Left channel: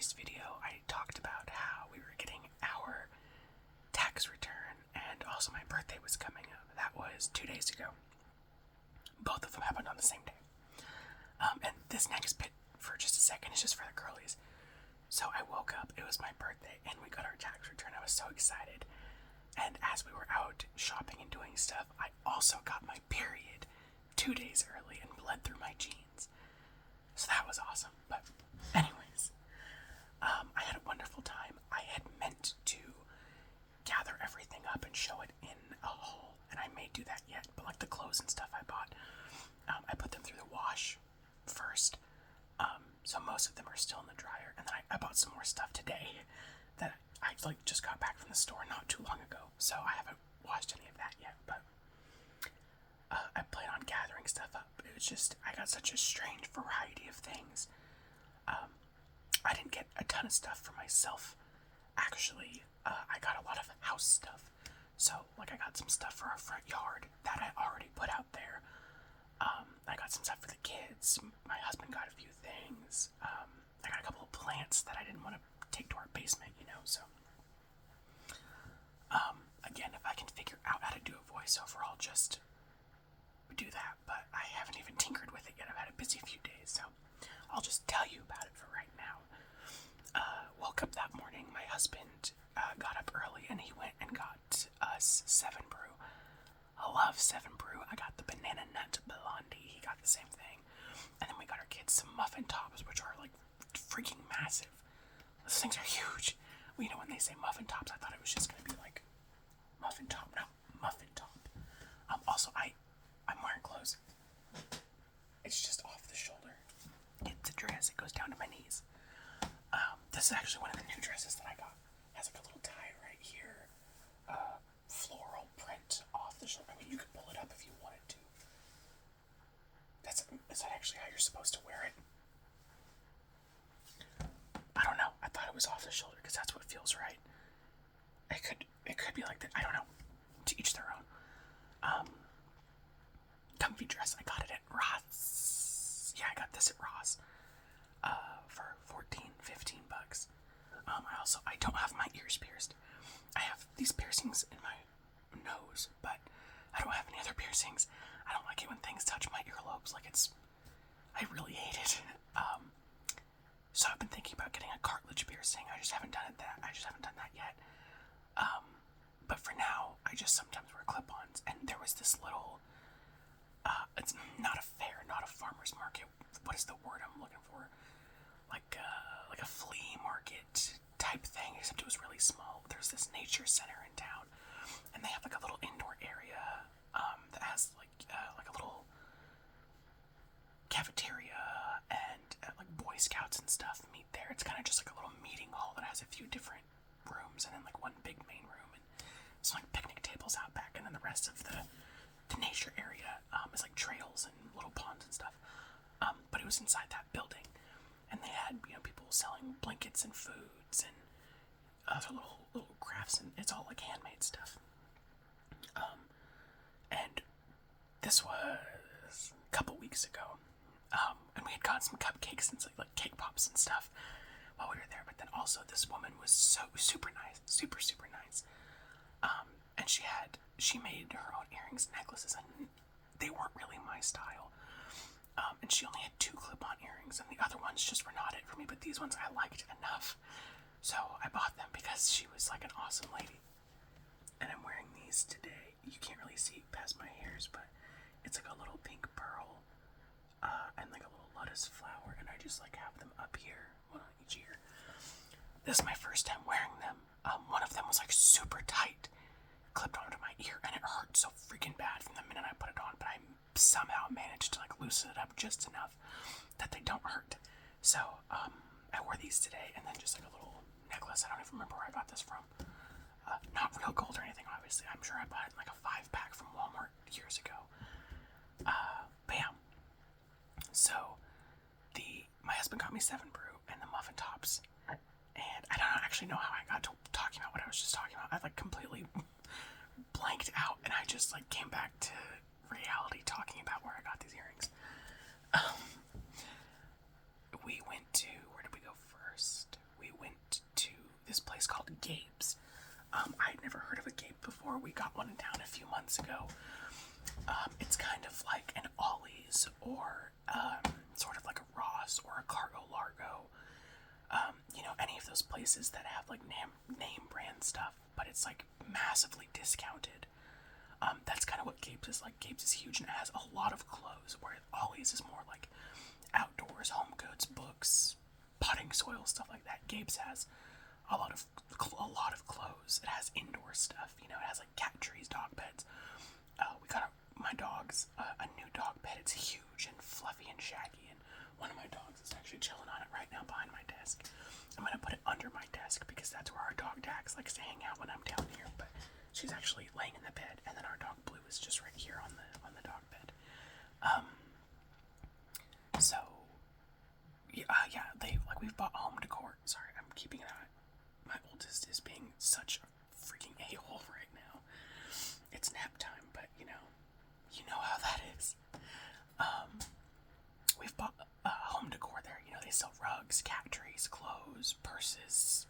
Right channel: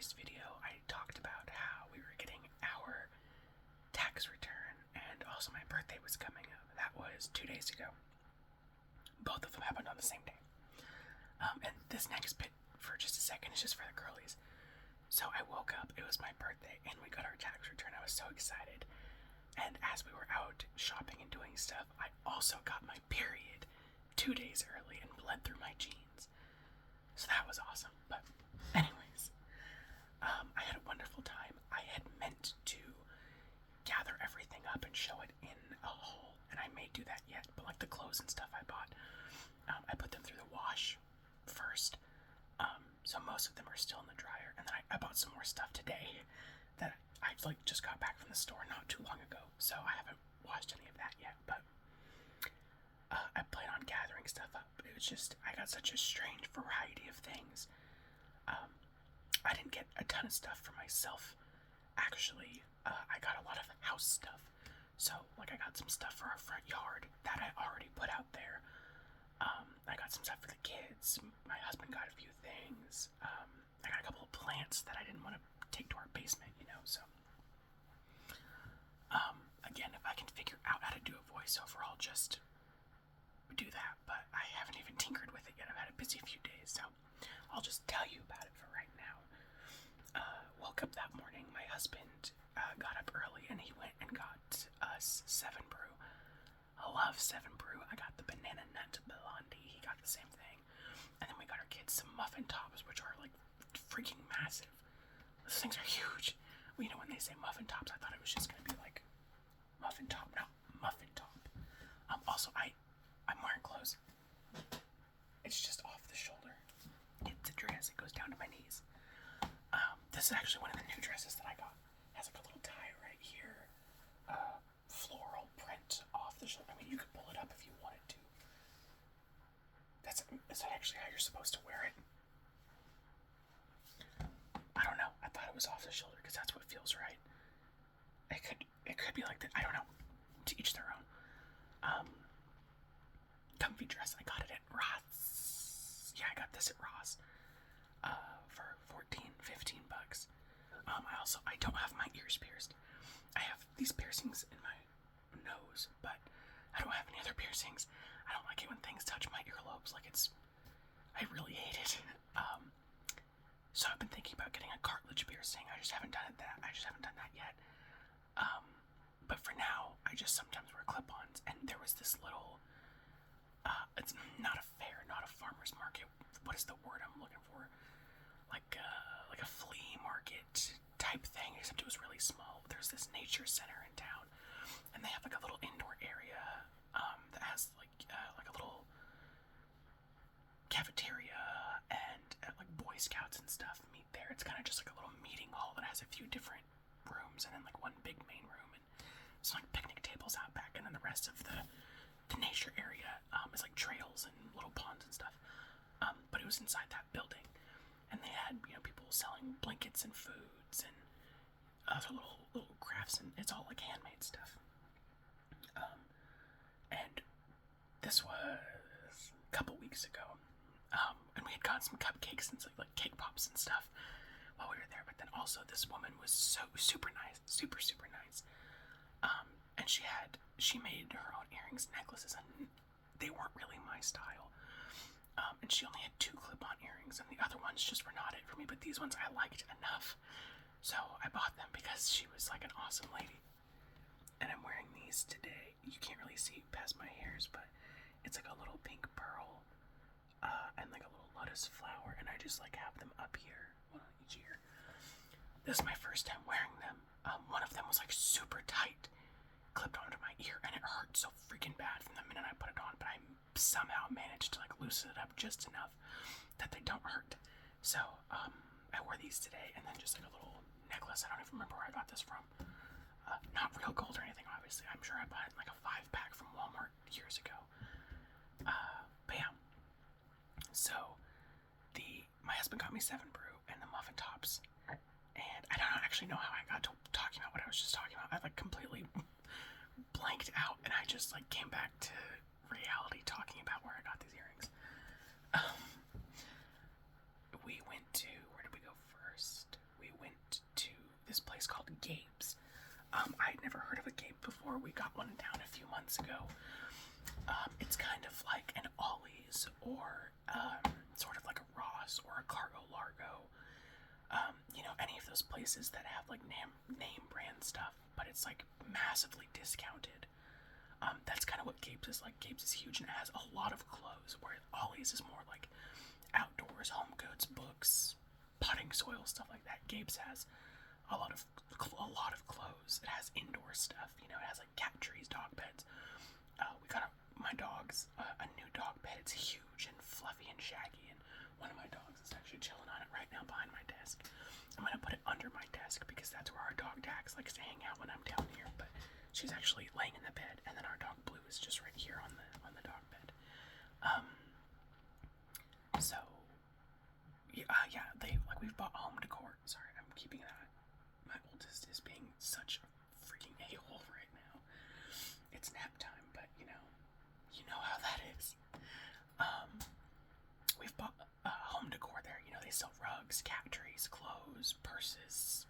previous video, I talked about how we were getting our tax return, and also my birthday was coming up. That was 2 days ago. Both of them happened on the same day. And this next bit, for just a second, is just for the girlies. So I woke up, it was my birthday, and we got our tax return. I was so excited. And as we were out shopping and doing stuff, I also got my period 2 days early and bled through my jeans. So that was awesome. But anyways, I had a wonderful time. I had meant to gather everything up and show it in a haul, and I may do that yet, but like the clothes and stuff I bought, I put them through the wash first, so most of them are still in the dryer, and then I bought some more stuff today that I just got back from the store not too long ago, so I haven't washed any of that yet, but I plan on gathering stuff up. It was just, I got such a strange variety of things. I didn't get a ton of stuff for myself, actually. I got a lot of house stuff, so like I got some stuff for our front yard that I already put out there. I got some stuff for the kids. My husband got a few things. I got a couple of plants that I didn't want to take to our basement, so. Again, if I can figure out how to do a voiceover, I'll just do that, but I haven't even tinkered with it yet. I've had a busy few days, so I'll just tell you about it for right now. Woke up that morning, my husband got up early and he went and got us 7 Brew. I love 7 Brew. I got the banana nut blondie. He got the same thing. And then we got our kids some muffin tops, which are like freaking massive. Those things are huge. Well, when they say muffin tops, I thought it was just gonna be like muffin top, no, muffin top. Also, I'm wearing clothes. It's just off the shoulder. It's a dress. It goes down to my knees. This is actually one of the new dresses that I got. It has like a little tie right here. Floral print off the shoulder. I mean, you could pull it up if you wanted to. Is that actually how you're supposed to wear it? I don't know. I thought it was off the shoulder because that's what feels right. It could be like that. I don't know. To each their own. Comfy dress. I got it at Ross. Yeah, I got this at Ross. For $14-15. I don't have my ears pierced. I have these piercings in my nose, but I don't have any other piercings. I don't like it when things touch my earlobes. I really hate it. So I've been thinking about getting a cartilage piercing. I just haven't done that yet. But for now, I just sometimes wear clip-ons, and there was this little, it's not a fair, not a farmer's market. What is the word I'm looking for? Like a flea market type thing, except it was really small. There's this nature center in town, and they have like a little indoor area that has like a little cafeteria, and like Boy Scouts and stuff meet there. It's kind of just like a little meeting hall that has a few different rooms, and then like one big main room, and it's like picnic tables out back, and then the rest of the nature area is like trails and little ponds and stuff. But it was inside that building, and they had people selling blankets and foods and other little crafts, and it's all like handmade stuff. And this was a couple weeks ago, and we had gotten some cupcakes and like cake pops and stuff while we were there. But then also this woman was so super nice, super nice. And she made her own earrings and necklaces, and they weren't really my style. And she only had 2 clip-on earrings, and the other ones just were not it for me, but these ones I liked enough. So I bought them because she was like an awesome lady. And I'm wearing these today. You can't really see past my hairs, but it's like a little pink pearl, and like a little lotus flower, and I just like have them up here, one on each ear. This is my first time wearing them. One of them was like super tight, clipped onto my ear, and it hurt so freaking bad from the minute I put it on, but I somehow managed to like loosen it up just enough that they don't hurt. So I wore these today, and then just like a little necklace. I don't even remember where I got this from. Not real gold or anything, obviously. I'm sure I bought it in like a 5-pack from Walmart years ago. But yeah. So my husband got me 7 Brew and the muffin tops, and I don't actually know how I got to talking about what I was just talking about. I like completely blanked out, and I just like came back to reality talking about where I got these earrings. We went to, where did we go first? this place called Gabe's. I'd never heard of a Gabe before. We got one in town a few months ago. It's kind of like an Ollie's or sort of like a Ross or a Cargo Largo. Any of those places that have like name brand stuff, but it's like massively discounted. That's kind of what Gabe's is like. Gabe's is huge and it has a lot of clothes, where Ollie's is more like outdoors, home goods, books, potting soil, stuff like that. Gabe's has a lot of clothes. It has indoor stuff. It has like cat trees, dog beds. We got my dog's a new dog bed. It's huge and fluffy and shaggy, and one of my dogs is actually chilling on it right now behind my desk. I'm gonna put it under my desk because that's where our dog Dax likes to hang out when I'm down here. But she's actually laying in the bed, and then our dog Blue is just right here on the dog bed. So yeah, we've bought home decor. Sorry, I'm keeping it on. My oldest is being such a freaking a-hole right now. It's nap time, but you know how that is. We've bought home decor there. They sell rugs, cat trees, clothes, purses,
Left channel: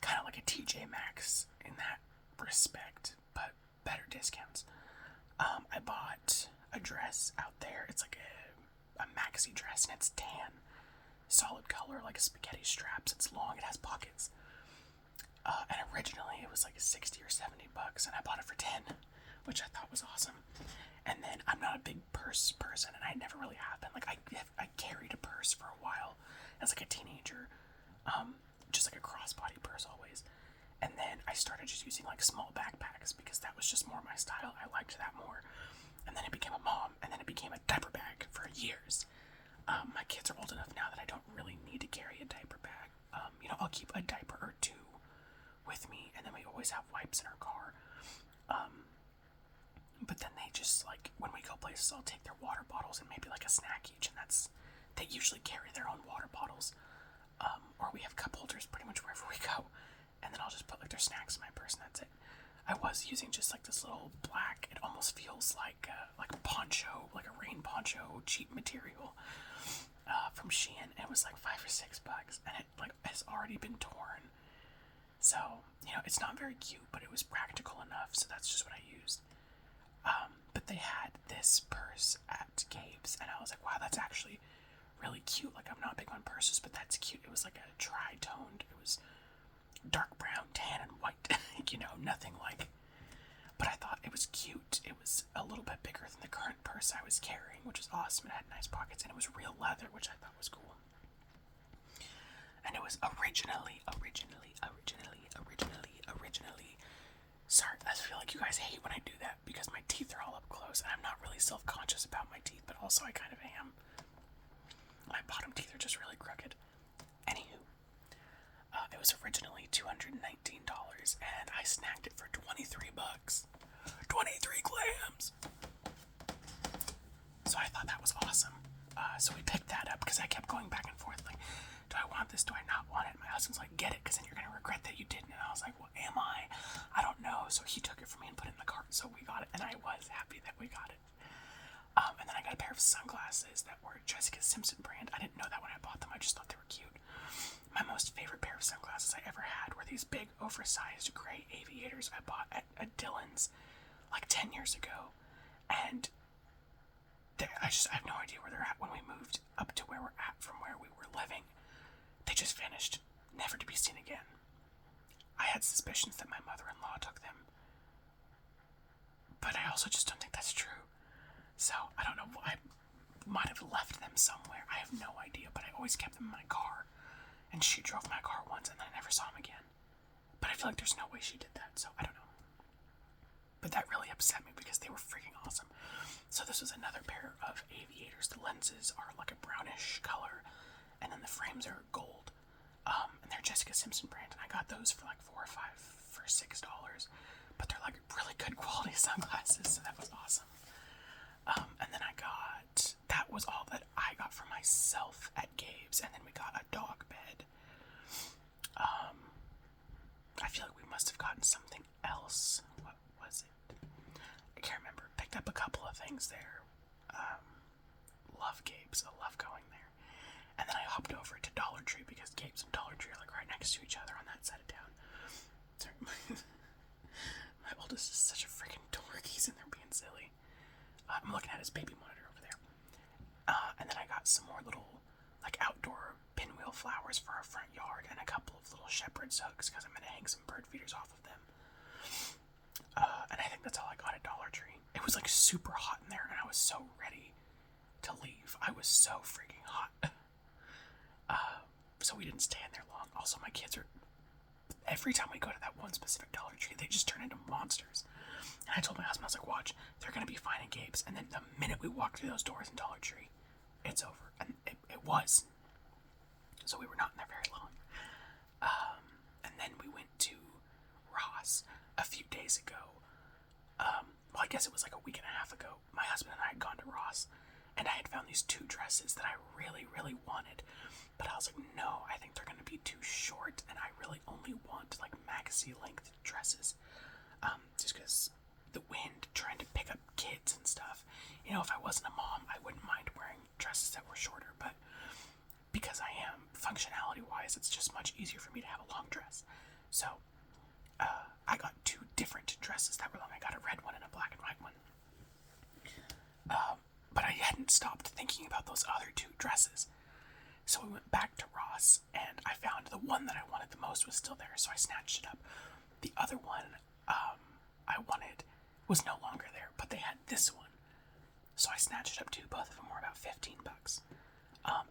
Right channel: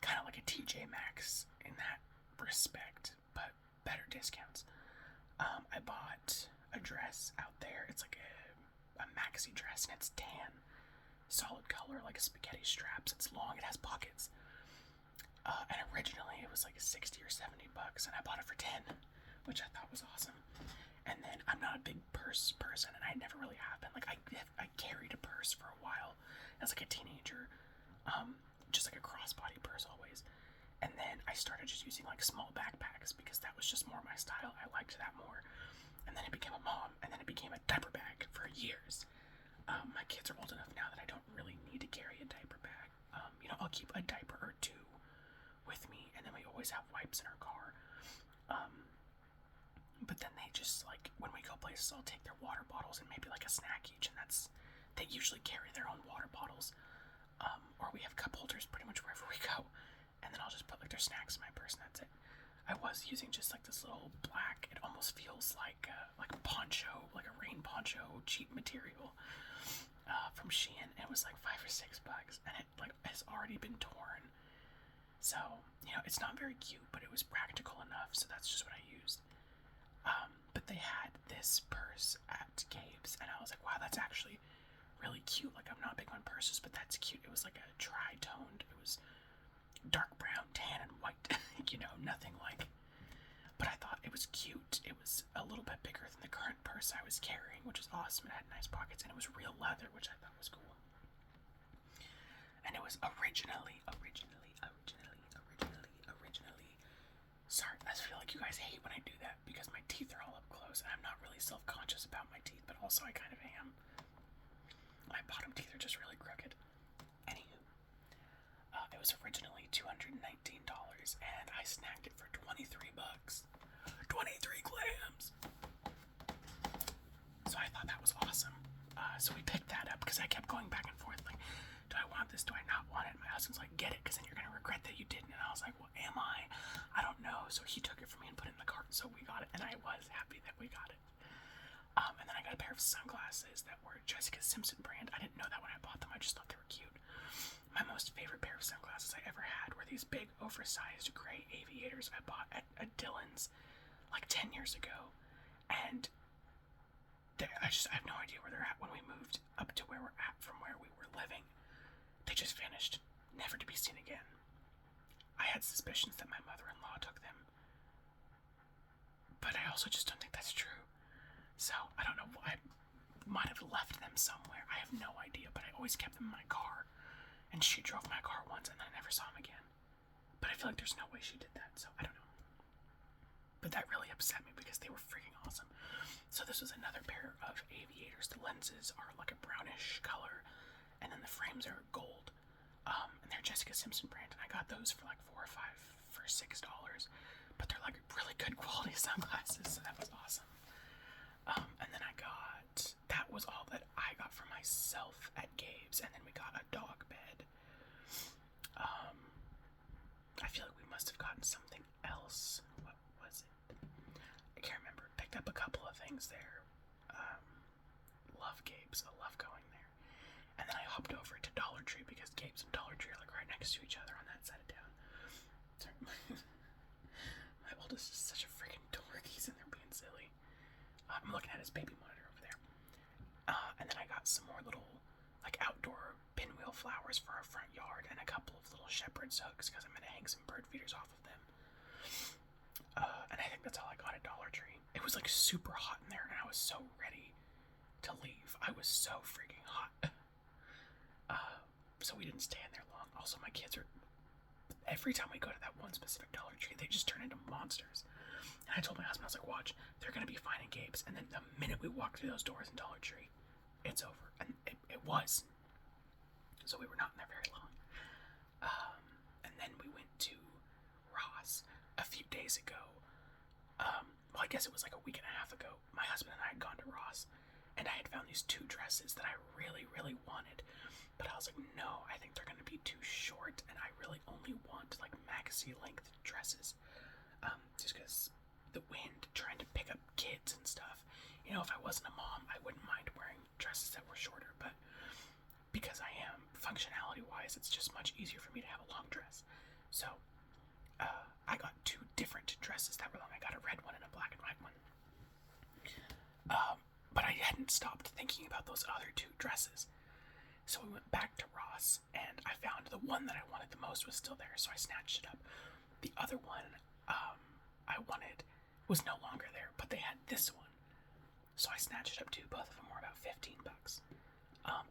kind of like a TJ Maxx in that respect, but better discounts. I bought a dress out there. It's like a maxi dress, and it's tan, solid color, like a spaghetti straps. It's long, it has pockets. And originally it was like $60 or $70, and I bought it for $10, which I thought was awesome. And then I'm not a big purse person, and I never really have been. Like I carried a purse for a while as like a teenager, just like a crossbody purse always. And then I started just using like small backpacks because that was just more my style. I liked that more. And then it became a mom, and then it became a diaper bag for years. My kids are old enough now that I don't really need to carry a diaper bag. I'll keep a diaper or two with me, and then we always have wipes in our car. But then they just, like, when we go places, I'll take their water bottles and maybe like a snack each, and they usually carry their own water bottles. Or we have cup holders pretty much wherever we go, and then I'll just put like their snacks in my purse, and that's it. I was using just like this little black, it almost feels like a poncho, like a rain poncho, cheap material from Shein. It was like $5 or $6, and it like has already been torn. So it's not very cute, but it was practical enough, so that's just what I used. But they had this purse at Gabe's, and I was like, wow, that's actually really cute. Like, I'm not big on purses, but that's cute. It was like a tri-toned. It was dark brown, tan, and white. Nothing like. But I thought it was cute. It was a little bit bigger than the current purse I was carrying, which was awesome. It had nice pockets, and it was real leather, which I thought was cool. And it was originally. Sorry, I feel like you guys hate when I do that because my teeth are all up close, and I'm not really self-conscious about my teeth, but also I kind of am. My bottom teeth are just really crooked. Anywho, it was originally $219, and I snagged it for $23. 23 clams! So I thought that was awesome. So we picked that up because I kept going back and forth, like, do I want this? Do I not want it? And my husband's like, get it, because then you're going to regret that you didn't. And I was like, well, am I? I don't know. So he took it from me and put it in the cart, so we got it, and I was happy that we got it. And then I got a pair of sunglasses that were Jessica Simpson brand. I didn't know that when I bought them. I just thought they were cute. My most favorite pair of sunglasses I ever had were these big, oversized gray aviators I bought at Dillon's like 10 years ago. And I have no idea where they're at. When we moved up to where we're at from where we were living, they just vanished, never to be seen again. I had suspicions that my mother-in-law took them, but I also just don't think that's true. So, I don't know, I might have left them somewhere. I have no idea, but I always kept them in my car, and she drove my car once, and then I never saw them again. But I feel like there's no way she did that, so I don't know. But that really upset me because they were freaking awesome. So this was another pair of aviators. The lenses are like a brownish color, and then the frames are gold. And they're Jessica Simpson brand, and I got those for like $4 or $5 for $6. But they're like really good quality sunglasses, so that was awesome. And then that was all that I got for myself at Gabe's, and then we got a dog bed. I feel like we must have gotten something else. What was it? I can't remember. Picked up a couple of things there. Love Gabe's. I love going there. And then I hopped over to Dollar Tree because Gabe's and Dollar Tree are like right next to each other on that side of town. Sorry. My oldest is such a freaking dork. He's in there being silly. I'm looking at his baby monitor over there. And then I got some more little, like, outdoor pinwheel flowers for our front yard and a couple of little shepherd's hooks because I'm going to hang some bird feeders off of them. And I think that's all I got at Dollar Tree. It was, like, super hot in there, and I was so ready to leave. I was so freaking hot. So we didn't stay in there long. Also, my kids are... Every time we go to that one specific Dollar Tree, they just turn into monsters. And I told my husband, I was like, watch, they're going to be finding Gabe's. And then the minute we walk through those doors in Dollar Tree, it's over. And it was. So we were not in there very long. And then we went to Ross a few days ago. Well, I guess it was like a week and a half ago. My husband and I had gone to Ross, and I had found these 2 dresses that I really, really wanted. But I was like, no, I think they're going to be too short, and I really only want, like, maxi-length dresses. Just because the wind, trying to pick up kids and stuff. You know, if I wasn't a mom, I wouldn't mind wearing dresses that were shorter, but because I am, functionality-wise, it's just much easier for me to have a long dress. So, I got 2 different dresses that were long. I got a red one and a black and white one. But I hadn't stopped thinking about those other 2 dresses. So we went back to Ross, and I found the one that I wanted the most was still there, so I snatched it up. The other one I wanted was no longer there, but they had this one. So I snatched it up too. Both of them were about $15.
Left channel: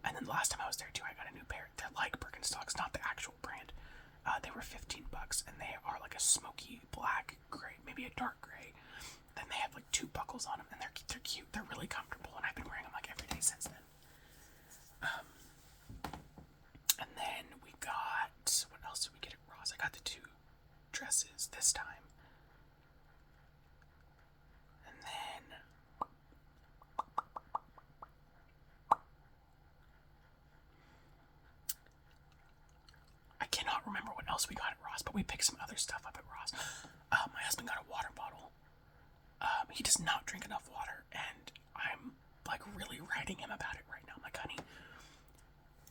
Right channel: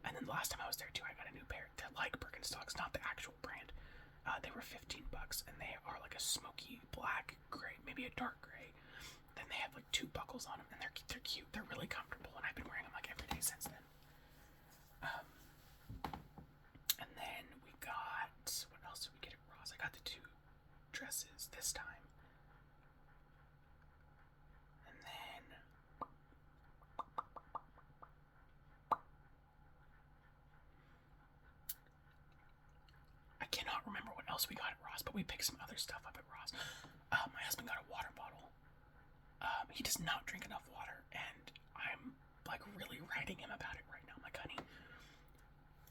And then the last time I was there too, I got a new pair. They're like Birkenstocks, not the actual brand. They were $15, and they are like a smoky black gray, maybe a dark gray. Then they have like 2 buckles on them, and they're cute. They're really comfortable, and I've been wearing them like every day since then. And then we got, what else did we get at Ross? I got the 2 dresses this time. And then I cannot remember what else we got at Ross, but we picked some other stuff up at Ross. My husband got a water bottle. He does not drink enough water, and I'm like really writing him about it right now. I'm like, honey,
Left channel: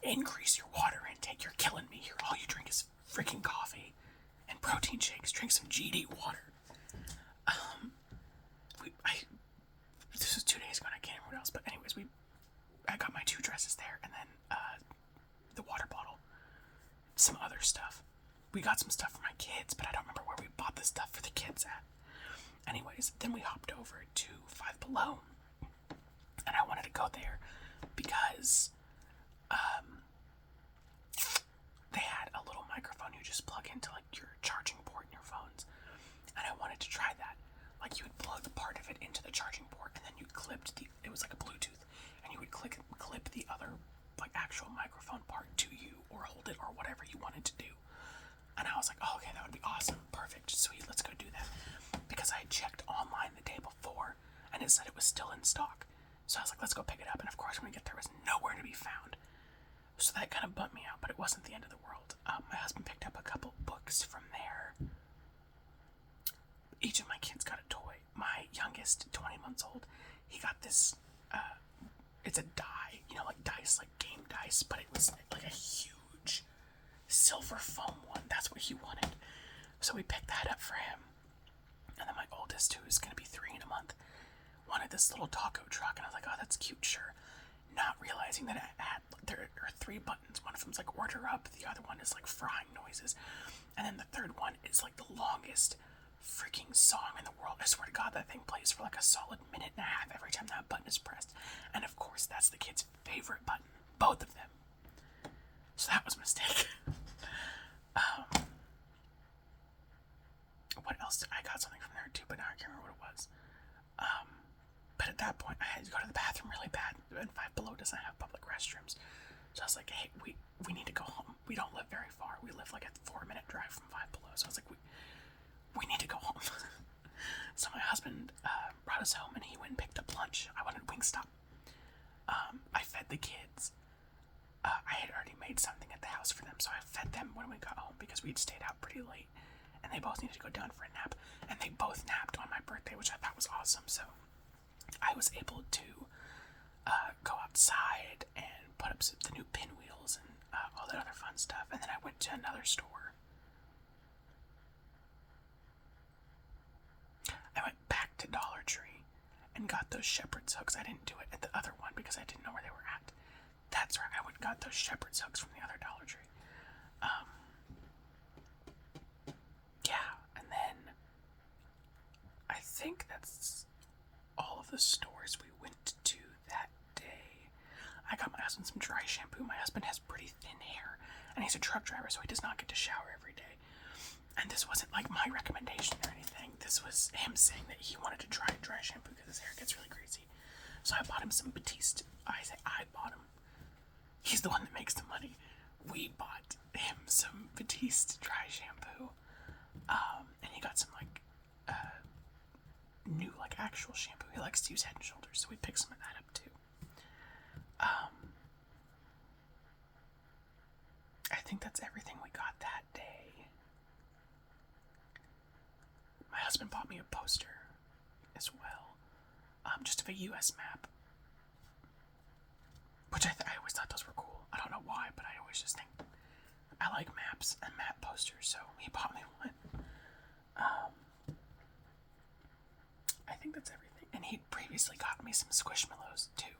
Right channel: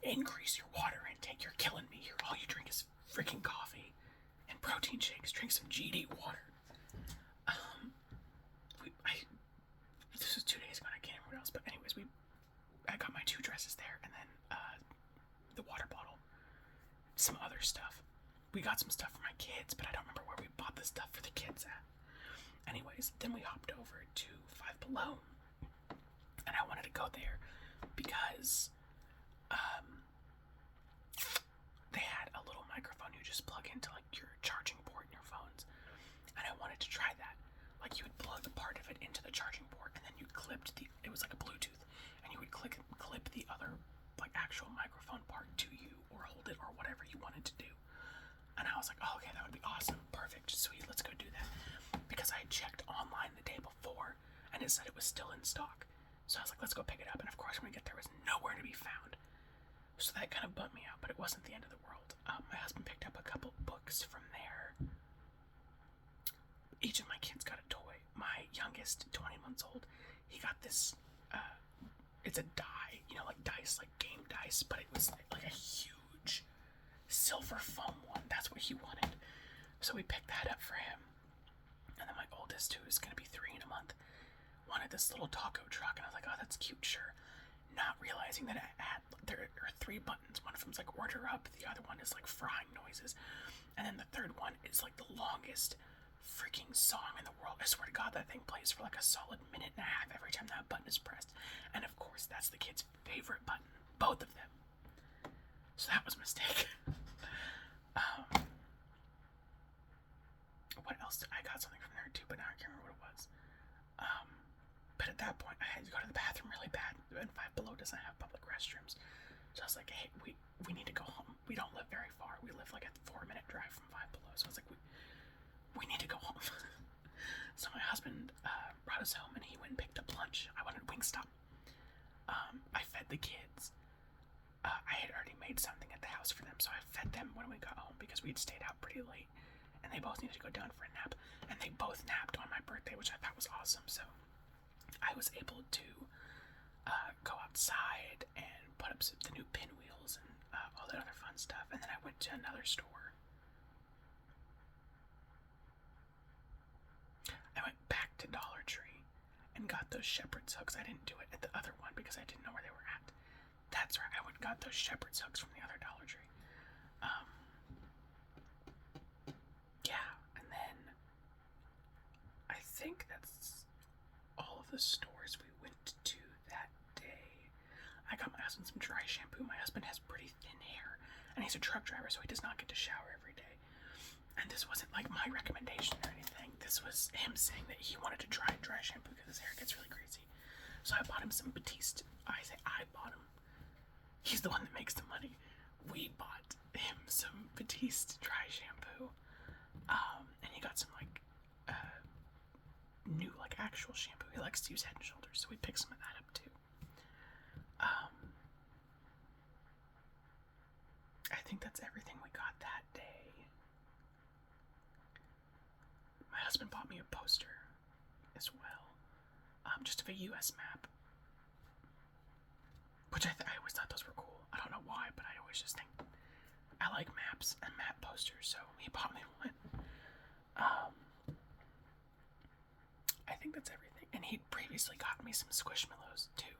increase your water intake. You're killing me here. All you drink is freaking coffee and protein shakes. Drink some GD water. This was 2 days ago, and I can't remember what else. But anyways, I got my 2 dresses there, and then the water bottle, some other stuff. We got some stuff for my kids, but I don't remember where we bought the stuff for the kids at. Anyways, then we hopped over to Five Below, and I wanted to go there because they had a little microphone you just plug into like your charging port in your phones, and I wanted to try that. Like, you would plug part of it into the charging port, and then you clipped it was like a Bluetooth, and you would clip the other like actual microphone part to you, or hold it, or whatever you wanted to do. And I was like, oh, okay, that would be awesome, perfect, sweet, let's go do that. Because I had checked online the day before, and it said it was still in stock. So I was like, let's go pick it up. And of course, when we get there, it was nowhere to be found. So that kind of bummed me out, but it wasn't the end of the world. My husband picked up a couple books from there. Each of my kids got a toy. My youngest, 20 months old, he got this, it's a die, you know, like dice, like game dice, but it was like a huge silver foam one. That's what he wanted. So we picked that up for him. And then my oldest, who is going to be 3 in a month, wanted this little taco truck, and I was like, oh, that's cute, sure. Not realizing that there are 3 buttons. One of them's like order up, the other one is like frying noises, and then the third one is like the longest freaking song in the world. I swear to God, that thing plays for like a solid minute and a half every time that button is pressed. And of course, that's the kid's favorite button, both of them. So that was a mistake. What else? I got something from there too, but now I can't remember what it was. But at that point, I had to go to the bathroom really bad, and Five Below doesn't have public restrooms. So I was like, hey, we need to go home. We don't live very far. We live like a 4-minute drive from Five Below. So I was like, we need to go home. So my husband brought us home, and he went and picked up lunch. I wanted Wingstop. I fed the kids. I had already made something at the house for them, so I fed them when we got home because we'd stayed out pretty late, and they both needed to go down for a nap, and they both napped on my birthday, which I thought was awesome. So I was able to go outside and put up the new pinwheels and all that other fun stuff. And then I went to another store. I went back to Dollar Tree and got those shepherd's hooks. I didn't do it at the other one because I didn't know where they were at. That's right, I went and got those shepherd's hooks from the other Dollar Tree. Yeah, and then I think that's all of the stores we went to that day. I got my husband some dry shampoo. My husband has pretty thin hair, and he's a truck driver, so he does not get to shower every day. And this wasn't like my recommendation or anything. This was him saying that he wanted to try dry shampoo because his hair gets really greasy. So I bought him some Batiste. I bought him. He's the one that makes the money. We bought him some Batiste dry shampoo. And he got some new actual shampoo. He likes to use Head and Shoulders, so we picked some of that up too. I think that's everything we got that day. My husband bought me a poster as well, just of a U.S. map, which I always thought those were cool. I don't know why, but I always just think I like maps and map posters, so he bought me one. I think that's everything. And he'd previously gotten me some Squishmallows too.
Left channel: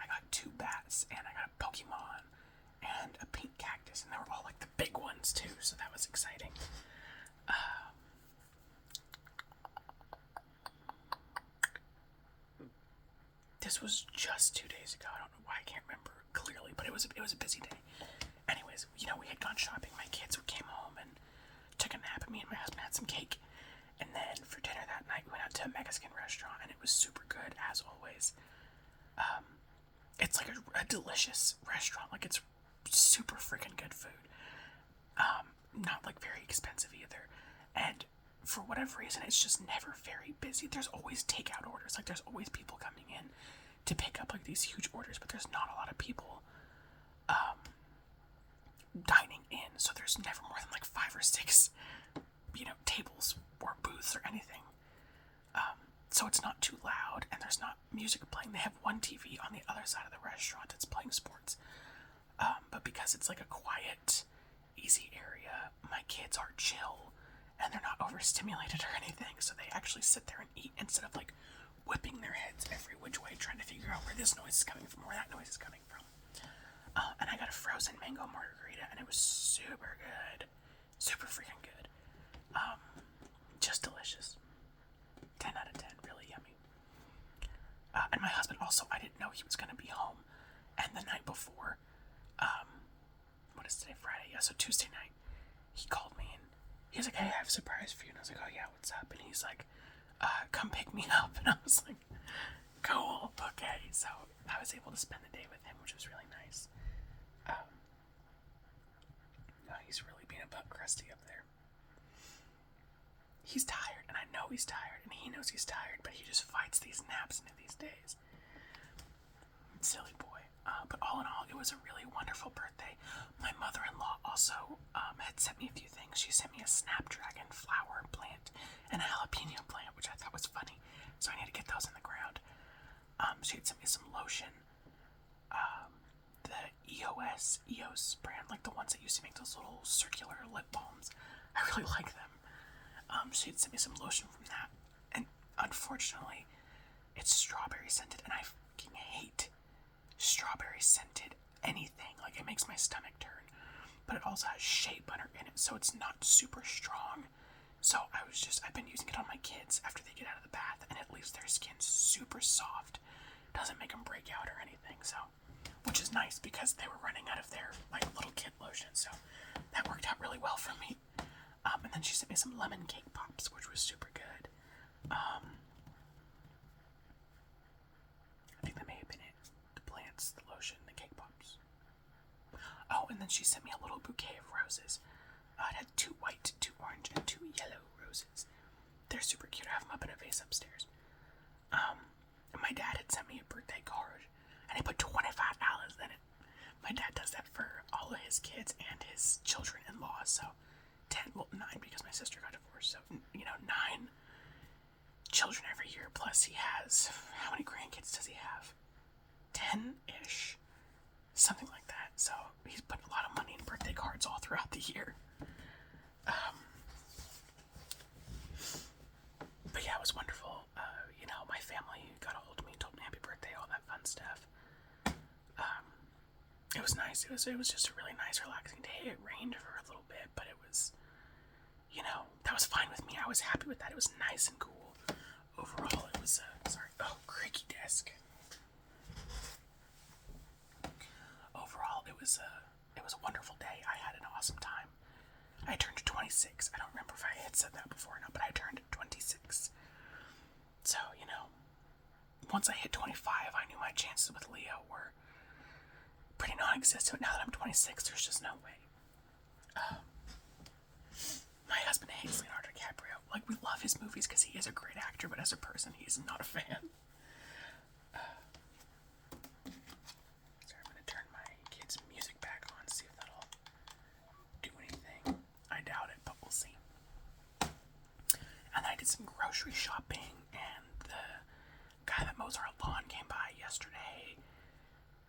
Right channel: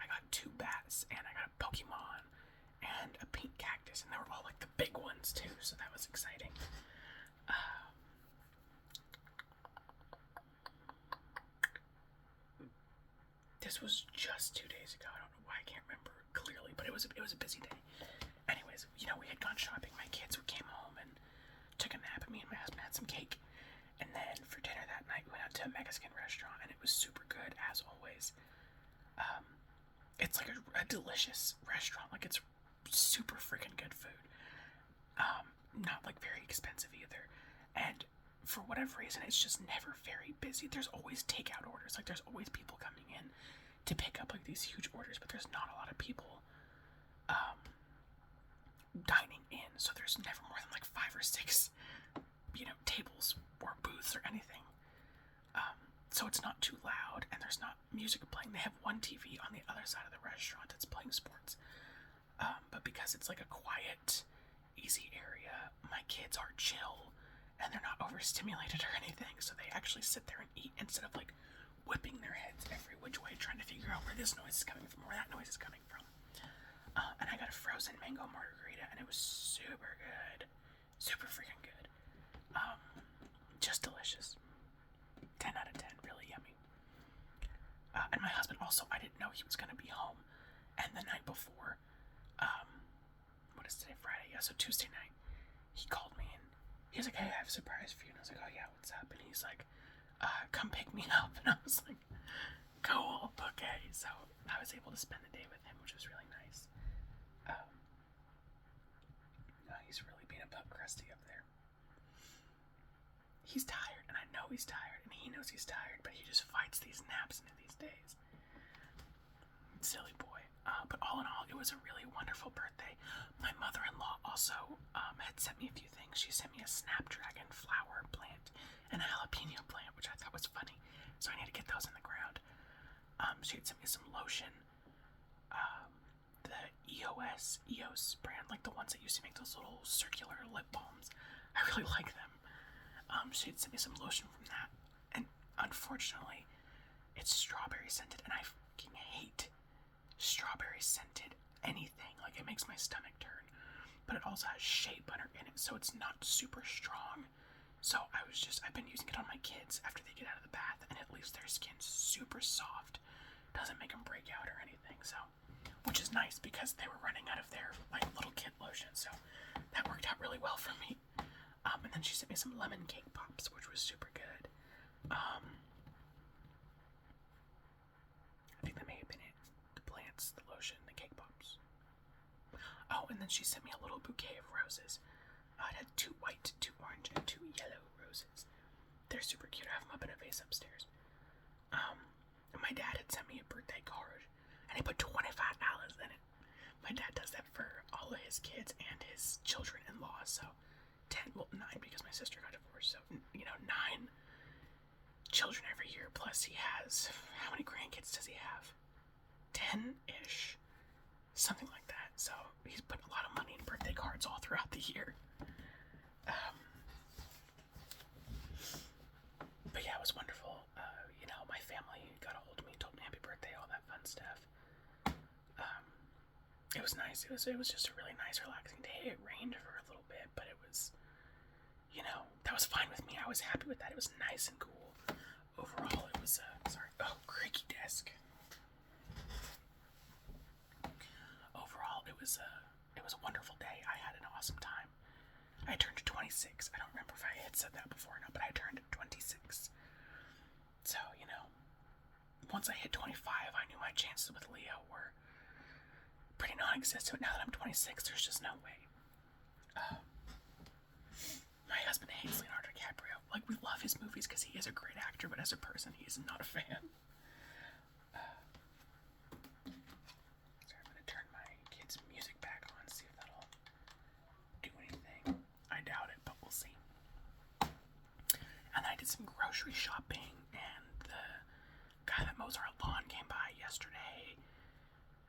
I got 2 bats, and I got a Pokemon, and a pink cactus, and they were all the big ones too, so that was exciting. This was just 2 days ago. I don't know why I can't remember clearly, but it was a busy day. Anyways, we had gone shopping. My kids came home and took a nap, and me and my husband had some cake. And then for dinner that night, we went out to a Mexican restaurant, and it was super good, as always. It's a delicious restaurant. It's super freaking good food. Not very expensive either. And for whatever reason, it's just never very busy. There's always takeout orders. There's always people coming in to pick up these huge orders, but there's not a lot of people dining in, so there's never more than 5 or 6 tables or booths or anything. So it's not too loud, and there's not music playing. They have one TV on the other side of the restaurant that's playing sports. But because it's a quiet, easy area, my kids are chill, and they're not overstimulated or anything, so they actually sit there and eat instead of whipping their heads every which way trying to figure out where this noise is coming from, where that noise is coming from. And I got a frozen mango margarita, and it was super good. Super freaking good. Just delicious. 10 out of 10, really yummy. And my husband also, I didn't know he was going to be home. And the night before, what is today, Friday? Yeah, so Tuesday night, he called me and he was like, hey, I have a surprise for you. And I was like, oh yeah, what's up? And he's like, come pick me up. And I was like, cool, okay. So I was able to spend the day with him, which was really nice. He's really being a butt crusty up there. He's tired, and I know he's tired, and he knows he's tired, but he just fights these naps into these days. Silly boy. But all in all, it was a really wonderful birthday. My mother-in-law also had sent me a few things. She sent me a snapdragon flower plant and a jalapeno plant, which I thought was funny, so I need to get those in the ground. She had sent me some lotion, the EOS brand, the ones that used to make those little circular lip balms. I really like them. She had sent me some lotion from that, and unfortunately, it's strawberry scented, and I fucking hate strawberry scented anything. It makes my stomach turn, but it also has shea butter in it, so it's not super strong. So I've been using it on my kids after they get out of the bath, and it leaves their skin super soft. Doesn't make them break out or anything, so, which is nice because they were running out of their little kid lotion, so that worked out really well for me. And then she sent me some lemon cake pops, which was super good. I think that may have been it. The plants, the lotion, the cake pops. Oh, and then she sent me a little bouquet of roses. It had 2 white, 2 orange, and 2 yellow roses. They're super cute. I have them up in a vase upstairs. And my dad had sent me a birthday card, and he put $25 in it. My dad does that for all of his kids and his children-in-law, so 9 because my sister got divorced, so 9 children every year, plus he has, how many grandkids does he have? 10-ish. something like that. So he's put a lot of money in birthday cards all throughout the year. But yeah, it was wonderful. My family got a hold of me, told me happy birthday, all that fun stuff. It was nice. It was just a really nice, relaxing day. It rained for a little bit, but it was, that was fine with me. I was happy with that. It was nice and cool. Overall, it was, creaky desk. Overall, it was a wonderful day. I had an awesome time. I turned 26. I don't remember if I had said that before or not, but I turned 26. So, once I hit 25, I knew my chances with Leo were pretty non-existent. Now that I'm 26, there's just no way. My husband hates Leonardo DiCaprio. Like, we love his movies because he is a great actor, but as a person, he's not a fan. Sorry, I'm going to turn my kids' music back on, see if that'll do anything. I doubt it, but we'll see. And I did some grocery shopping, and the guy that mows our lawn came by yesterday.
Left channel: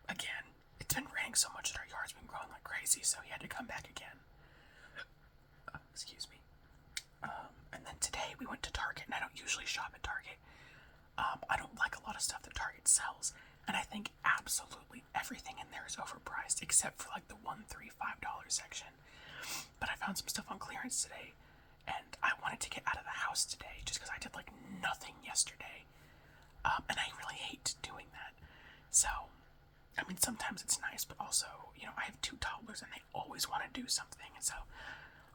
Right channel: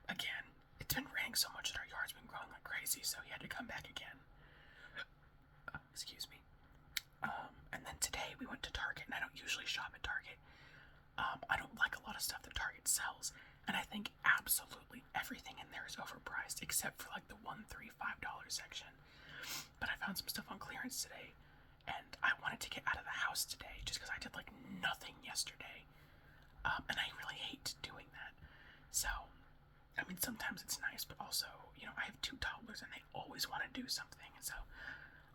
Again, it's been raining so much that our yard's been growing like crazy, so he had to come back again. Excuse me. And then today we went to Target, and I don't usually shop at Target. I don't like a lot of stuff that Target sells, and I think absolutely everything in there is overpriced except for like the $1, $3, $5 section. But I found some stuff on clearance today, and I wanted to get out of the house today just because I did like nothing yesterday. And I really hate doing that. So, I mean, sometimes it's nice, but also, I have 2 toddlers and they always want to do something. And so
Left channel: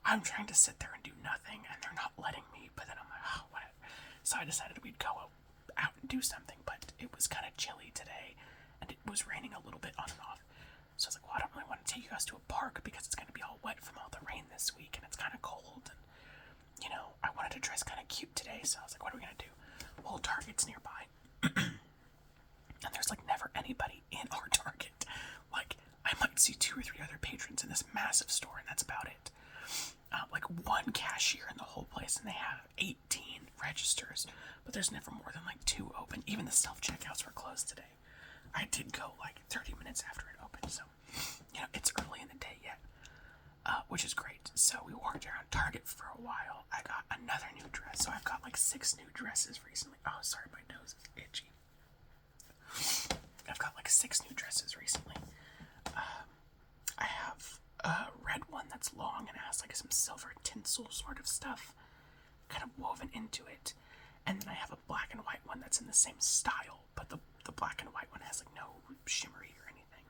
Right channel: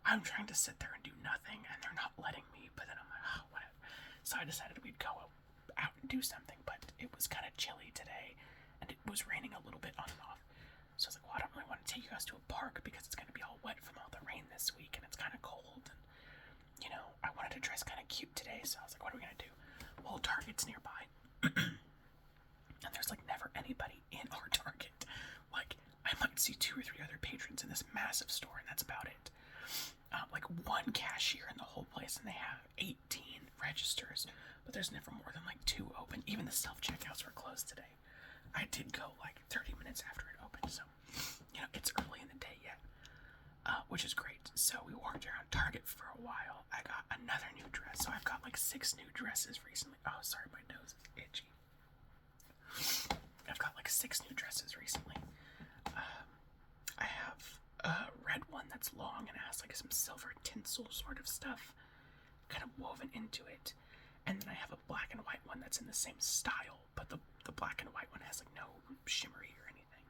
I'm trying to sit there and do nothing and they're not letting me, but then I'm like, oh, whatever. So I decided we'd go out and do something, but it was kind of chilly today and it was raining a little bit on and off. So I was like, well, I don't really want to take you guys to a park because it's going to be all wet from all the rain this week and it's kind of cold. And, I wanted to dress kind of cute today. So I was like, what are we going to do? Well, Target's nearby. And there's like never anybody in our Target. Like, I might see 2 or 3 other patrons in this massive store, and that's about it. Like 1 cashier in the whole place, and they have 18 registers, but there's never more than like 2 open. Even the self-checkouts were closed today. I did go like 30 minutes after it opened, so it's early in the day yet, which is great. So we walked around Target for a while. I got another new dress, so I've got like 6 new dresses recently. Oh, sorry, my nose is itchy. I've got like 6 new dresses recently. I have a red one that's long and has like some silver tinsel sort of stuff kind of woven into it. And then I have a black and white one that's in the same style, but the black and white one has like no shimmery or anything.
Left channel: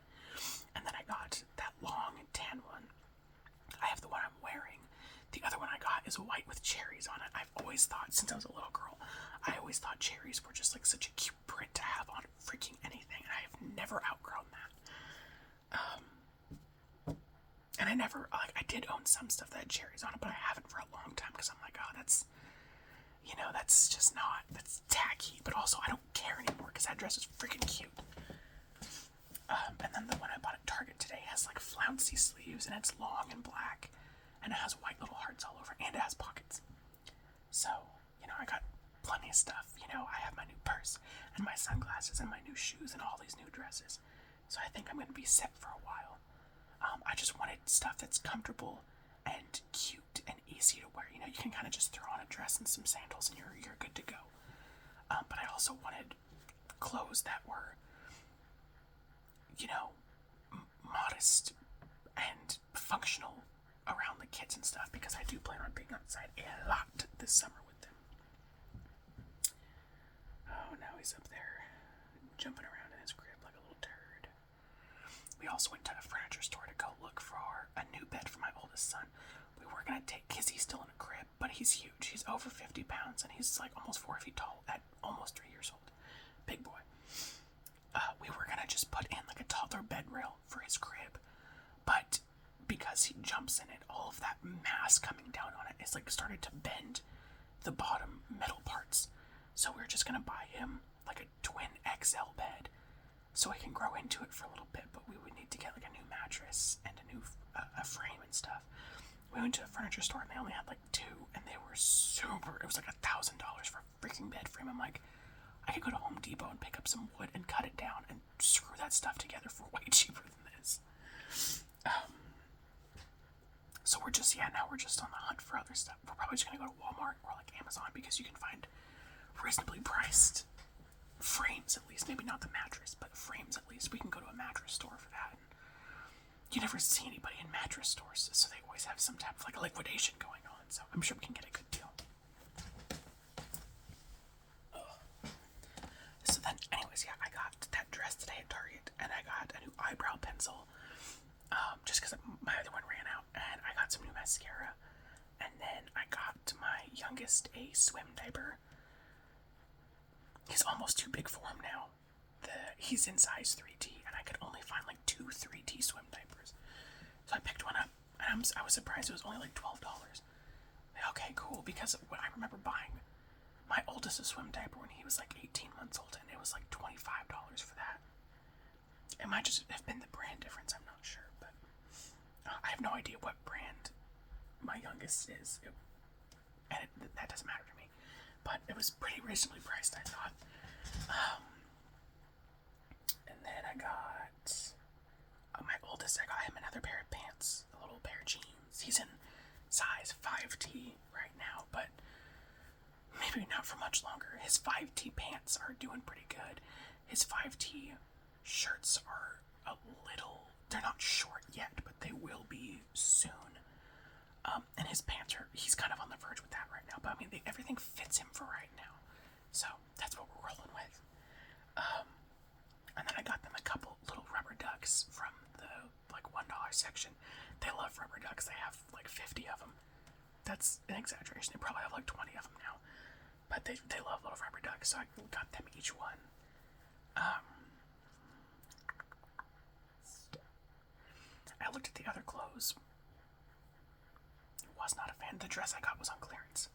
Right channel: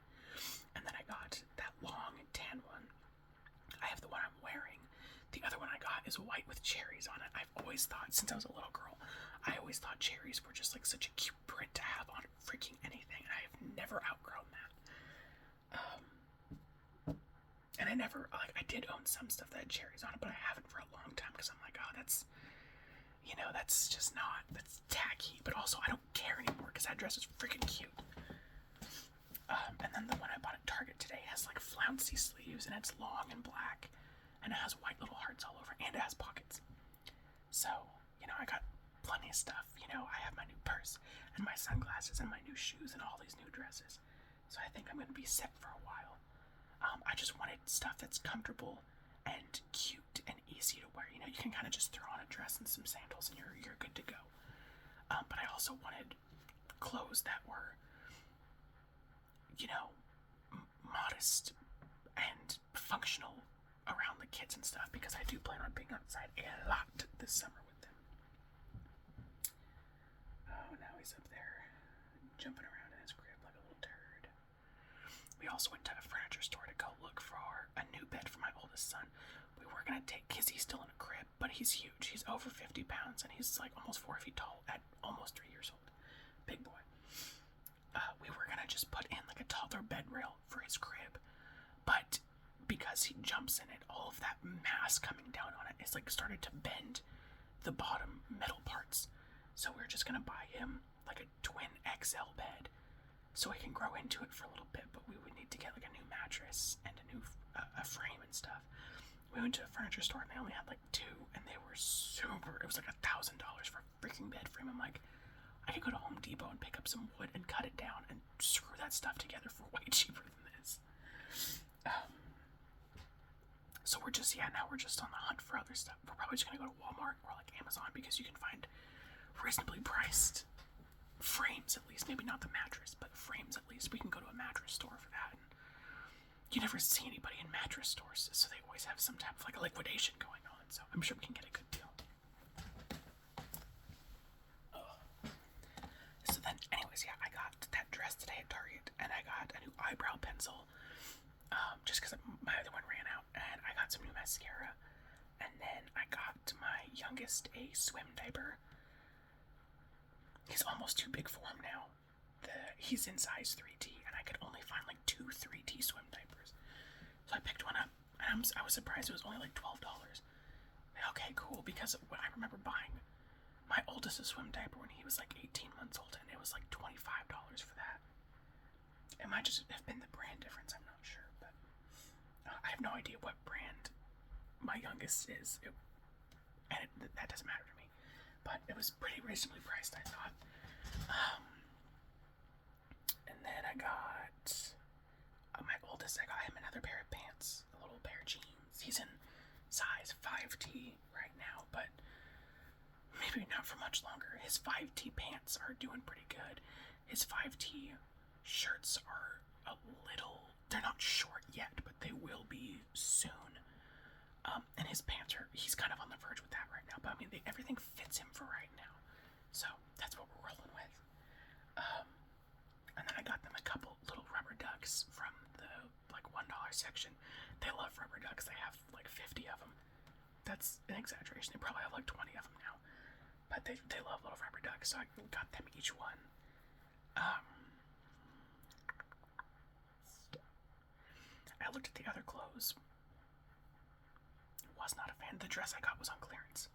And then I got that long and tan one. I have the one I'm wearing. The other one I got is white with cherries on it. I've always thought, since I was a little girl, I always thought cherries were just like such a cute print to have on freaking anything. And I have never outgrown that. And I never, like, I did own some stuff that had cherries on it, but I haven't for a long time because I'm like, oh, that's just not, that's tacky. But also, I don't care anymore because that dress is freaking cute. And then the one I bought at Target today has like flouncy sleeves and it's long and black and it has white little hearts all over and it has pockets. So, I got plenty of stuff. I have my new purse and my sunglasses and my new shoes and all these new dresses. So I think I'm going to be set for a while. I just wanted stuff that's comfortable and cute and easy to wear. You can kind of just throw on a dress and some sandals and you're good to go. But I also wanted clothes that were, modest and functional around the kids and stuff because I do plan on being outside a lot this summer with them. Oh, now he's up there jumping around in his crib like a little turd. We also went to a furniture store to go look for a new bed for my oldest son. We were going to take, because he's still in a crib, but he's huge. He's over 50 pounds and he's like almost 4 feet tall at almost 3 years old. Big boy. We were going to just put in like a taller bed rail for his crib, but because he jumps in it, all of that mass coming down on it is like started to bend the bottom middle parts. So we're just going to buy him like a twin XL bed so he can grow into it for a little bit, but we would need to get like a new mattress and a new a frame and stuff. We went to a furniture store and they only had like 2 and they were super, it was like $1,000 for a freaking bed frame. I'm like, I could go to Home Depot and pick up some wood and cut it down and screw that stuff together for way cheaper than this. So we're just on the hunt for other stuff. We're probably just gonna go to Walmart or like Amazon because you can find reasonably priced frames at least. Maybe not the mattress, but frames at least. We can go to a mattress store for that. And you never see anybody in mattress stores, so they always have some type of like a liquidation going on. So I'm sure we can get a good deal. So then, anyways, yeah, I got that dress today at Target, and I got a new eyebrow pencil. Just because my other one ran out, and I got some new mascara, and then I got my youngest a swim diaper. He's almost too big for him now. He's in size 3T, and I could only find like 2 3T swim diapers. So I picked one up, and I was surprised it was only like $12. Okay, cool, because I remember buying my oldest a swim diaper when he was like 18 months old, and it was like $25 for that. It might just have been the brand difference, I'm not sure, but I have no idea what brand my youngest is, that doesn't matter to me, but it was pretty reasonably priced, I thought. And then I got my oldest, I got him another pair of pants, a little pair of jeans. He's in size 5T right now, but maybe not for much longer. His 5T pants are doing pretty good. His 5T shirts are they're not short yet, but they will be soon. And his pants he's kind of on the verge with that right now, but I mean, everything fits him for right now. So that's what we're rolling with. And then I got them a couple little rubber ducks from the like $1 section. They love rubber ducks. They have like 50 of them. That's an exaggeration. They probably have like 20 of them now. But they love little rubber ducks, so I got them each one. I looked at the other clothes. Was not a fan. The dress I got was on clearance.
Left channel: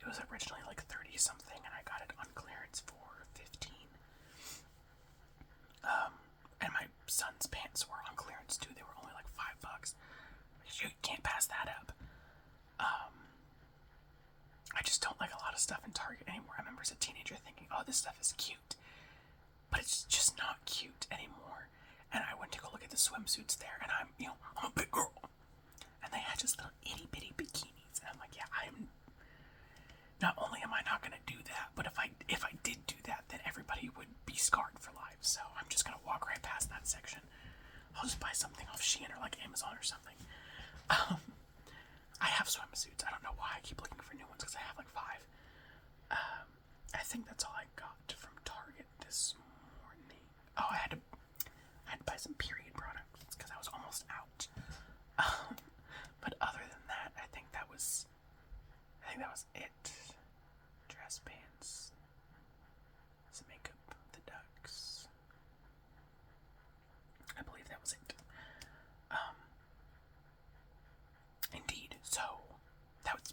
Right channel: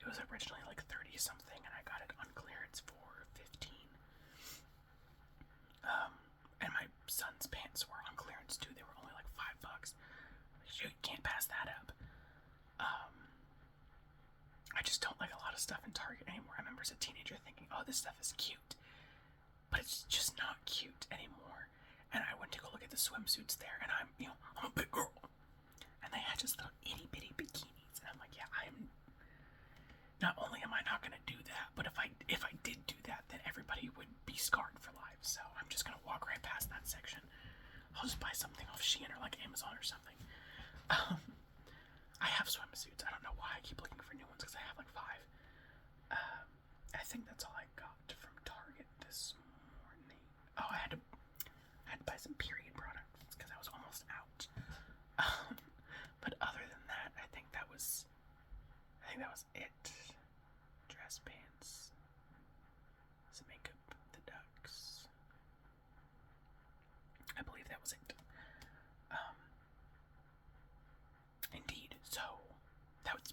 It was originally like 30 something, and I got it on clearance for 15. And my son's pants were on clearance too. They were only like $5. You can't pass that up. I just don't like a lot of stuff in Target anymore. I remember as a teenager thinking, oh, this stuff is cute. But it's just not cute anymore. And I went to go look at the swimsuits there, and I'm a big girl. And they had just little itty bitty bikinis. And I'm like, yeah, not only am I not going to do that, but if I did do that, then everybody would be scarred for life. So I'm just going to walk right past that section. I'll just buy something off Shein or like Amazon or something. I have swimsuits. I don't know why I keep looking for new ones because I have like 5. I think that's all I got from Target this morning. Oh, I had to buy some period products because I was almost out. But other than that, I think that was it. Dress, pants, some makeup, the ducks. I believe that was it. Indeed. So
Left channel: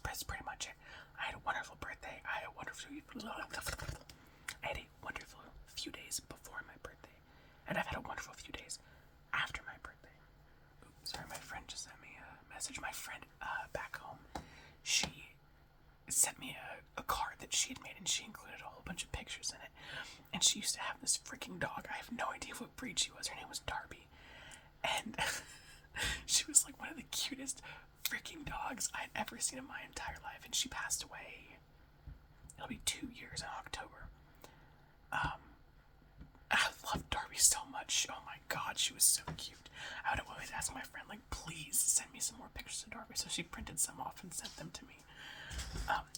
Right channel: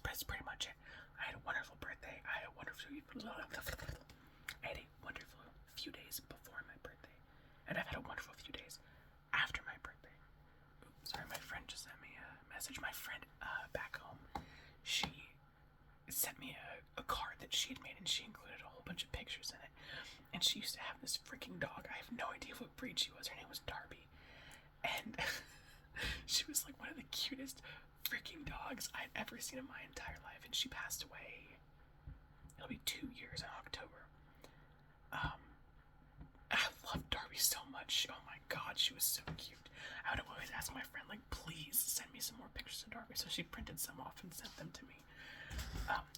that's pretty much it. I had a wonderful birthday. I had a wonderful few days before my birthday, and I've had a wonderful few days after my birthday. Oops, sorry, my friend just sent me a message. My friend back home, she sent me a card that she had made, and she included a whole bunch of pictures in it. And she used to have this freaking dog. I have no idea what breed she was. Her name was Darby, and she was like one of the cutest freaking dogs I'd ever seen in my entire life. And she passed away. It'll be 2 years in October. I love Darby so much. Oh my god, she was so cute. I would always ask my friend, like, please send me some more pictures of Darby. So she printed some off and sent them to me.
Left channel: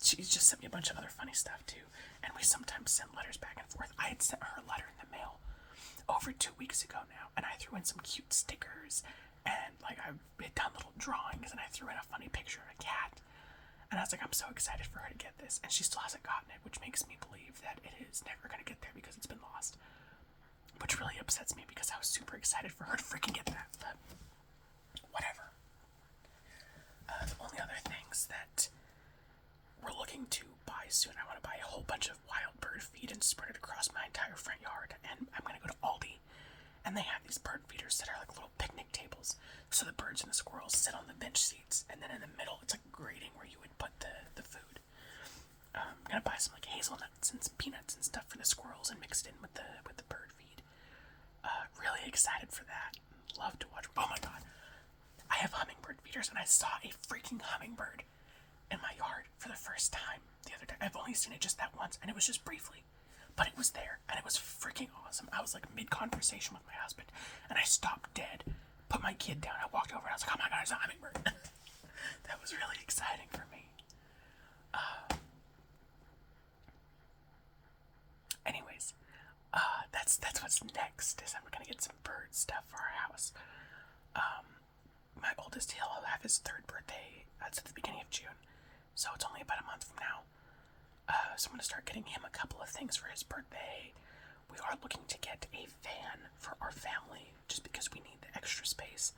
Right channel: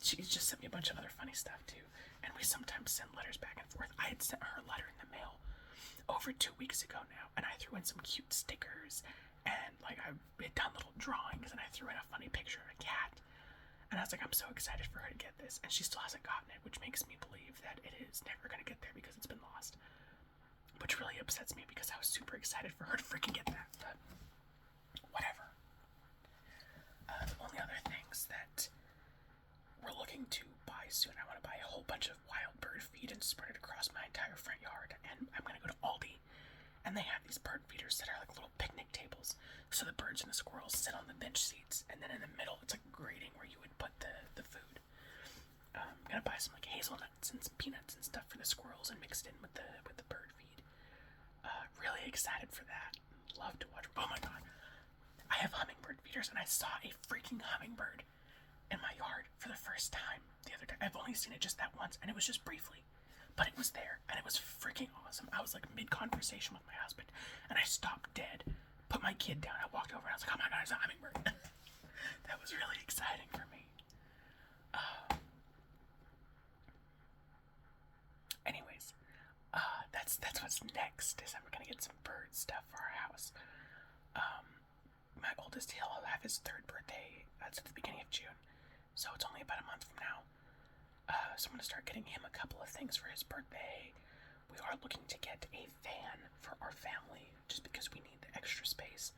She just sent me a bunch of other funny stuff too. And we sometimes send letters back and forth. I had sent her a letter in the mail over 2 weeks ago now, and I threw in some cute stickers, and like I had done little drawings, and I threw in a funny picture of a cat. And I was like, I'm so excited for her to get this, and she still hasn't gotten it, which makes me believe that it is never going to get there because it's been lost. Which really upsets me because I was super excited for her to freaking get that, but whatever. The only other things that we're looking to buy soon, I want to buy a whole bunch of wild bird feed and spread it across my entire front yard, and I'm going to go to Aldi, and they have these bird feeders that are like little picnic tables, so the birds and the squirrels sit on the bench seats, and then in the middle it's like a grating where you would put the food. I'm going to buy some like hazelnuts and some peanuts and stuff for the squirrels and mix it in with the bird feed. Really excited for that. love to watch. Oh my god. I have hummingbird feeders, and I saw a freaking hummingbird in my yard for the first time the other day. I've only seen it just that once, and it was just briefly. But it was there, and it was freaking awesome. I was like mid-conversation with my husband, and I stopped dead, put my kid down, I walked over, and I was like, oh my god, it's a hummingbird. That was really exciting for me. Anyways, that's what's next, is I'm gonna get some bird stuff for our house. My oldest, he'll have his 3rd birthday. That's at the beginning of June, so it's only about a month from now. So I'm gonna start getting him a couple of things for his birthday. We are looking to get a van for our family, just because we need the extra space.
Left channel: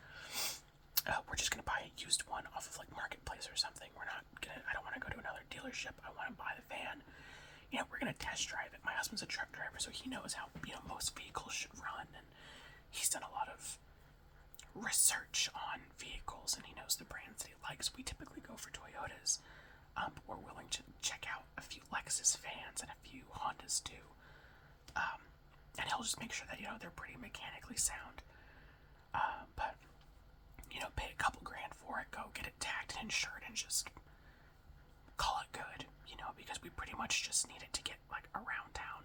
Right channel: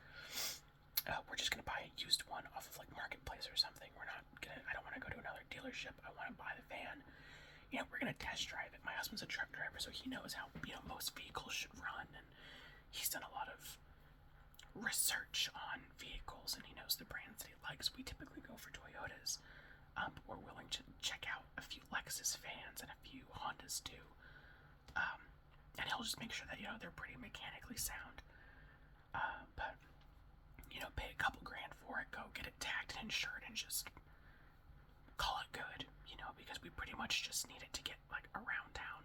We're just gonna buy a used one off of like Marketplace or something. I don't want to go to another dealership. I want to buy the van. We're gonna test drive it. My husband's a truck driver, so he knows how most vehicles should run, and he's done a lot of research on vehicles, and he knows the brands that he likes. We typically go for Toyotas, but we're willing to check out a few Lexus vans and a few Hondas too. And he'll just make sure that they're pretty mechanically sound. But pay a couple grand for it, go get it tagged and insured, and just call it good. Because we pretty much just need it to get like around town.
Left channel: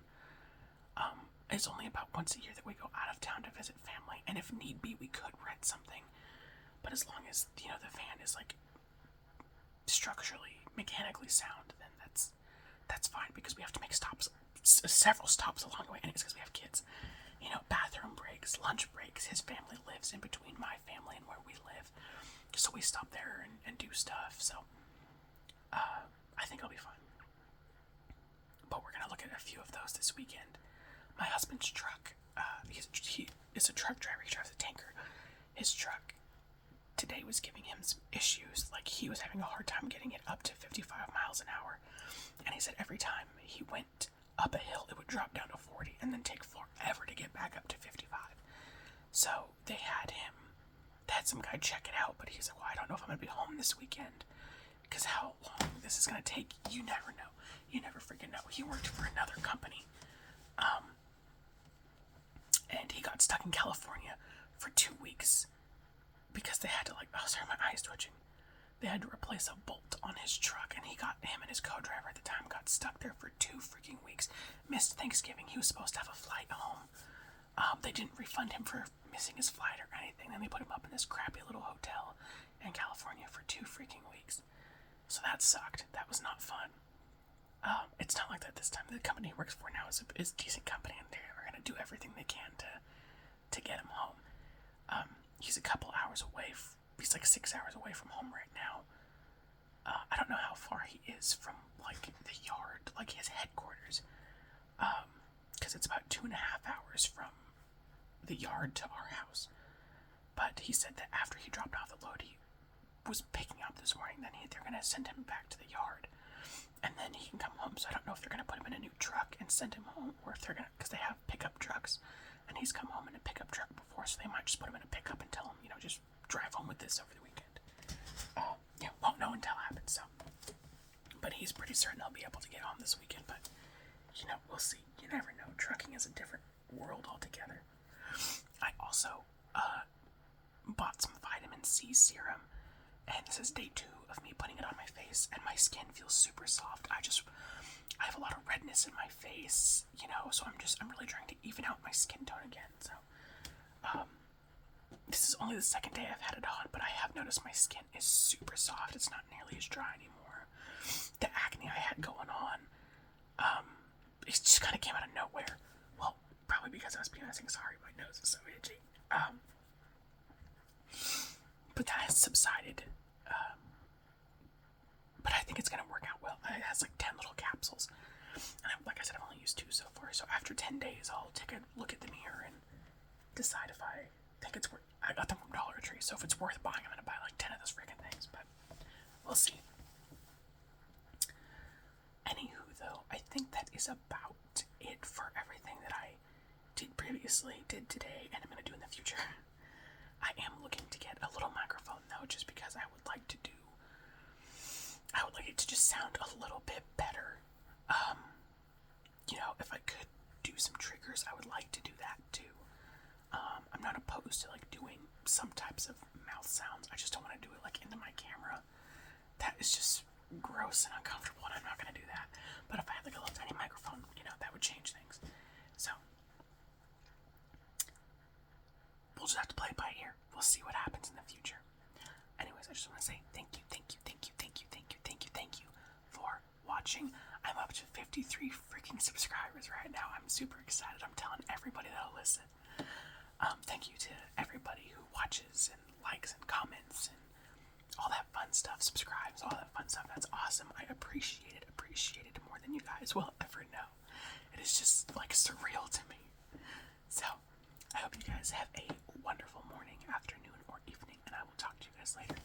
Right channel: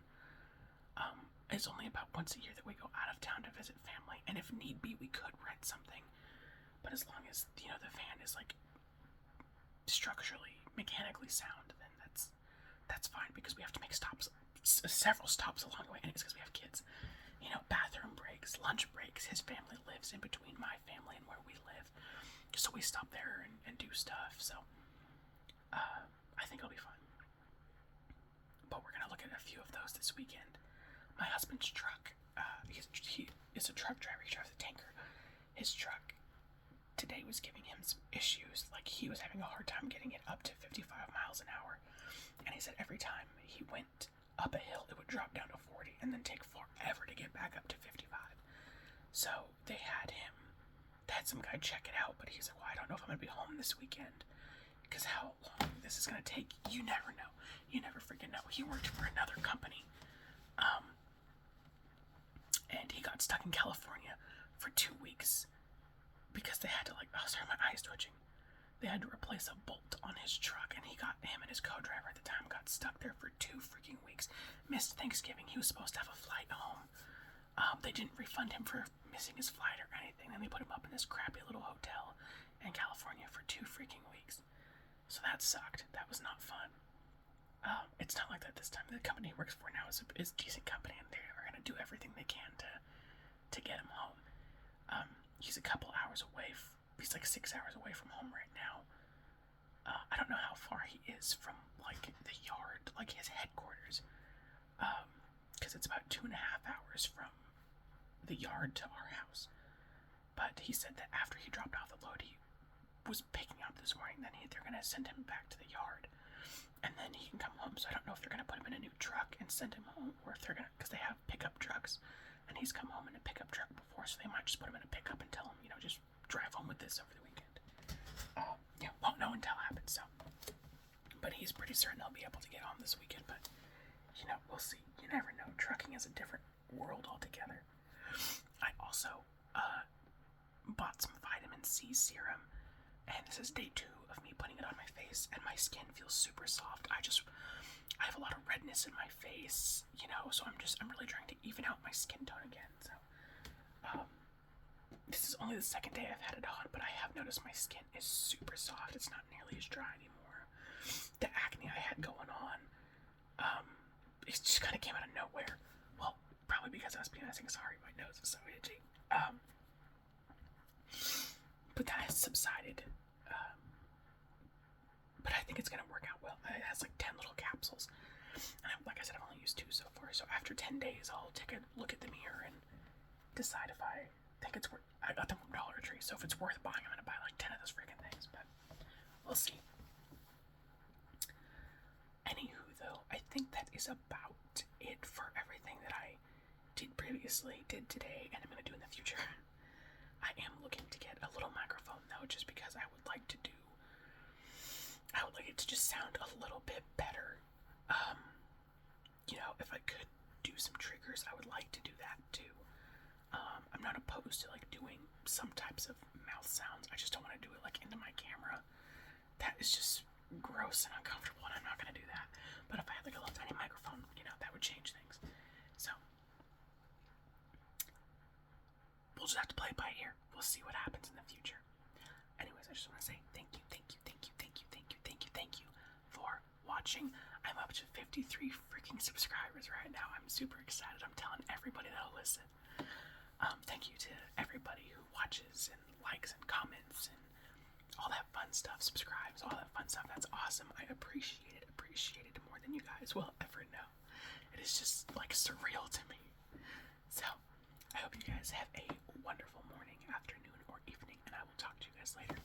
It's only about once a year that we go out of town to visit family, and if need be, we could rent something. But as long as the van is like structurally, mechanically sound, then that's fine, because we have to make stops, several stops along the way, and it's because we have kids. Bathroom breaks, lunch breaks. His family lives in between my family and where we live, so we stop there and do stuff. So I think it'll be fun. But we're gonna look at a few of those this weekend. My husband's truck, he is a truck driver. He drives a tanker. His truck today was giving him some issues. Like, he was having a hard time getting it up to 55 miles an hour. And he said every time he went up a hill, it would drop down to 40 and then take forever to get back up to 55. So they had some guy check it out, but he's like, well, I don't know if I'm gonna be home this weekend, because how long this is gonna take, you never know. You never freaking know. He worked for another company, and he got stuck in California for 2 weeks because they had to sorry, my eye's twitching. They had to replace a bolt on his truck, and him and his co-driver at the time got stuck there for 2 freaking weeks. Missed Thanksgiving. He was supposed to have a flight home. They didn't refund him for missing his flight or anything. Then they put him up in this crappy little hotel in California for 2 freaking weeks. So that sucked. That was not fun. It's not like that this time. The company he works for now is a decent company, and they are going to do everything they can to get him home. He's a couple hours away. He's like 6 hours away from home right now. I don't know how far he is from the yard, his headquarters, because it's about 2.5 hours from the yard to our house. But he said that after he dropped off the load he was picking up this morning, then they're going to send him back to the yard, and then he can come home. So I don't know if they're going to put him in a new truck and send him home, or if they're going to, because they have pickup trucks, and he's come home in a pickup truck before, so they might just put him in a pickup and tell him, just drive home with this over the weekend. Won't know until it happens, so. But he's pretty certain I'll be able to get home this weekend, but, we'll see. You never know. Trucking is a different world altogether. I also, bought some vitamin C serum, and this is day 2 of me putting it on my face, and my skin feels super soft. I have a lot of redness in my face, so I'm really trying to even out my skin tone again, so, this is only the 2nd day I've had it on, but I have noticed my skin is super soft. It's not nearly as dry anymore. The acne I had going on, it just kind of came out of nowhere. Well, probably because I was PMSing. Sorry, my nose is so itchy. But that has subsided. But I think it's going to work out well. It has 10 little capsules. And like I said, I've only used 2 so far. So after 10 days, I'll take a look at the mirror and decide if I think it's worth. I got them from Dollar Tree, so if it's worth buying, I'm going to buy 10 of those freaking things. But we'll see. Anywho, though, I think that is about it for everything that I did previously, did today, and I'm going to do in the future. I am looking to get a little microphone, though, just because I would like it to just sound a little bit better. If I could do some triggers, I would like to do that, too. I'm not opposed to like doing some types of mouth sounds. I just don't want to do it like into my camera. That is just gross and uncomfortable, and I'm not gonna do that. But if I had like a little tiny microphone, that would change things. So we'll just have to play it by ear. We'll see what happens in the future. Anyways, I just want to say thank you for watching. I'm up to 53 freaking subscribers right now. I'm super excited. I'm telling everybody that'll listen. Thank you to everybody who watches and likes and comments and all that fun stuff, subscribes, all that fun stuff. That's awesome. I appreciate it more than you guys will ever know. It is just like surreal to me. So, I hope you guys have a wonderful morning, afternoon, or evening, and I will talk to you guys later.